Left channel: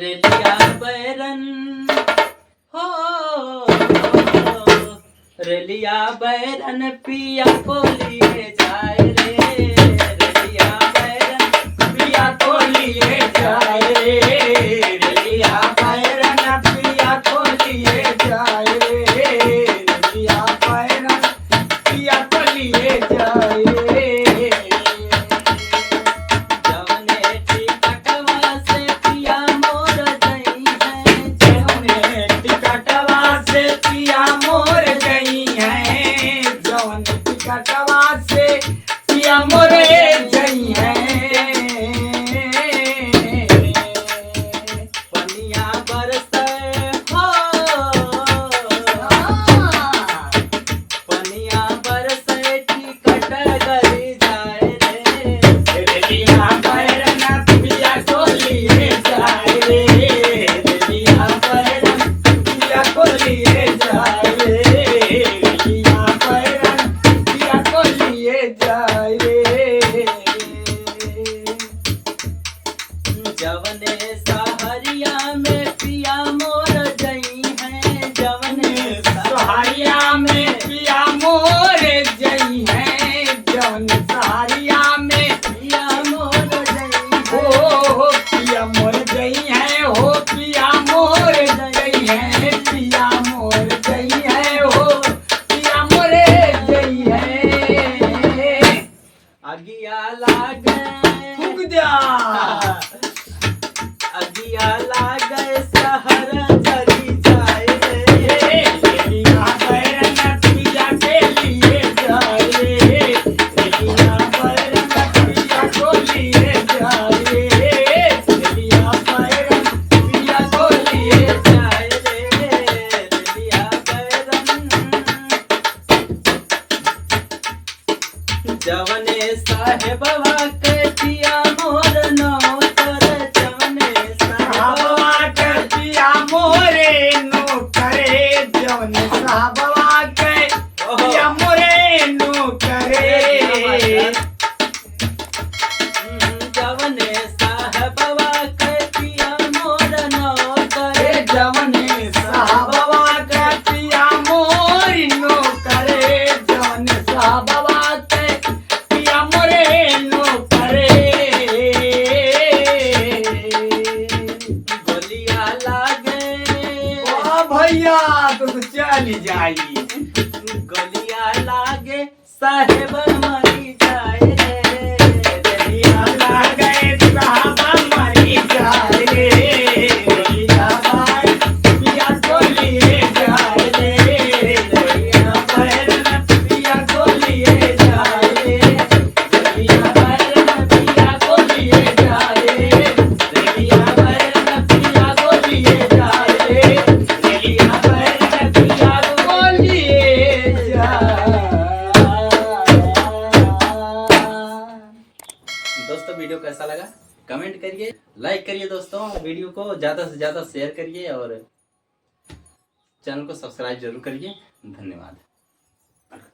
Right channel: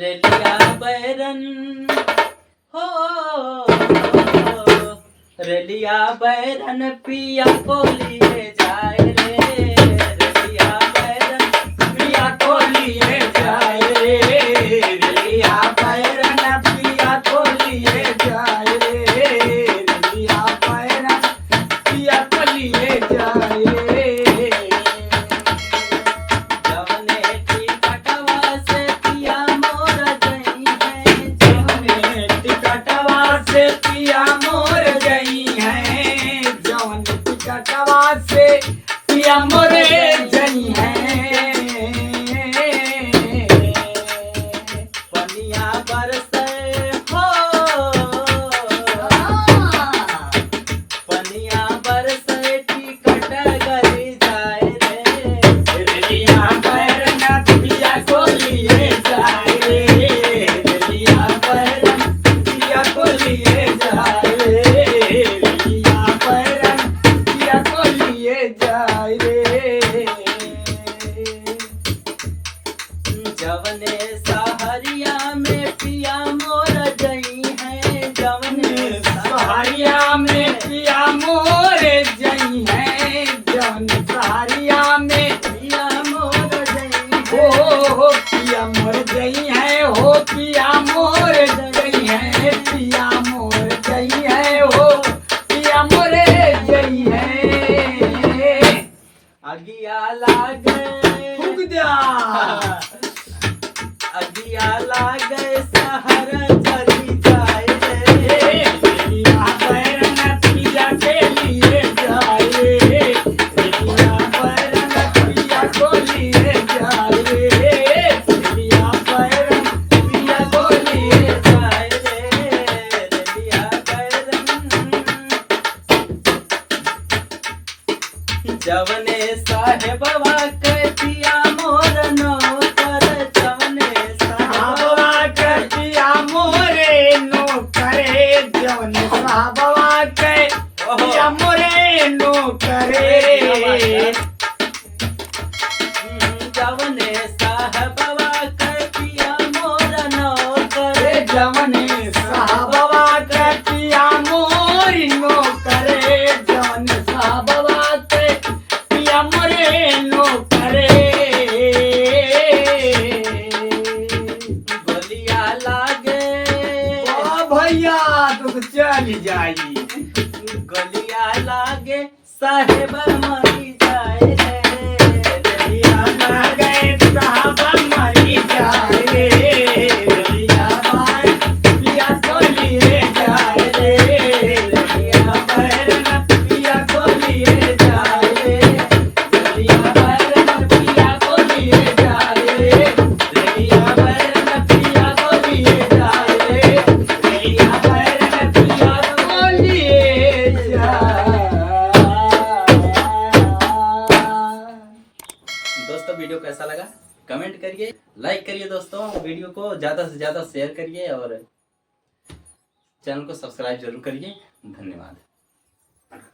रेलिया बैरन हो, रेलिया बैरन पिया को लिए जाए रे, रेलिया बैरन पिया को लिए जाए रे, रेलिया बैरन पिया को लिए जाए रे, रेलिया बैरन पिया को लिए जाए रे। जवने टिकटवा से पिया मोर गई है, जवने टिकटवा से पिया मोर गई है, जवन टिकटवा से पिया मोरे गई है। पनिया बरसे हो, पनिया बरसे टिकट गली जाए रे, रेलिया बैरन पिया को लिए जाए रे, रेलिया बैरन पिया को लिए जाए रे, रेलिया बैरन पिया को लिए जाए रे। जवने सहरिया में पिया मोर गई है, जवने सहरिया में पिया मोर गई है, जवने सहरिया में पिया मोर गई हो, पिया मोर गई है हो, पिया मोर गई है, पिया मोर गई है हो, पिया मोरे गई है। अगिया लागे फूक दिया, अगिया लागे सहर जली जाए रे, रेलिया बैरन पिया के लिए जाए रे, रेलिया बैरन पिया को लिए जाए रे, रेलिया बैरन पिया को लिए जाए रे, रेलिया बैरन। जवने साहेबवा के पिया मोर नौकर, जवने साहेबवा के पिया मोरे नौकरे, जवने साहेबवा के पिया मोरे नौकरे, जवने साहेबवा के पिया मोर नौकरे, जवने साहेबवा के पिया मोर नौकरे, जवने साहेबवा के पिया मोरे नौकरे। गलिया लागे ओ भैया तो चली जाई, गलिया लागे साहेब मरी जाए रे, रेलिया लागे साहब मरी जाए रे, रेलिया बैरन पिया को लिए जाए रे, रेलिया बैरन पिया को लिए जाए रे, रेलिया बैरन पिया को लिए जाए रे, रेलिया बैरन पिया को लिए जाए रे, रेलिया बैरन पिया को लिए जाए। दोस्तों वीडियो कैसा लगा कमेंट करिए, लाइक करिए दोस्तों, वीडियो को ज़्यादा से ज़्यादा शेयर करिए और चैनल को सब्सक्राइब जरूर करिए। धन्यवाद।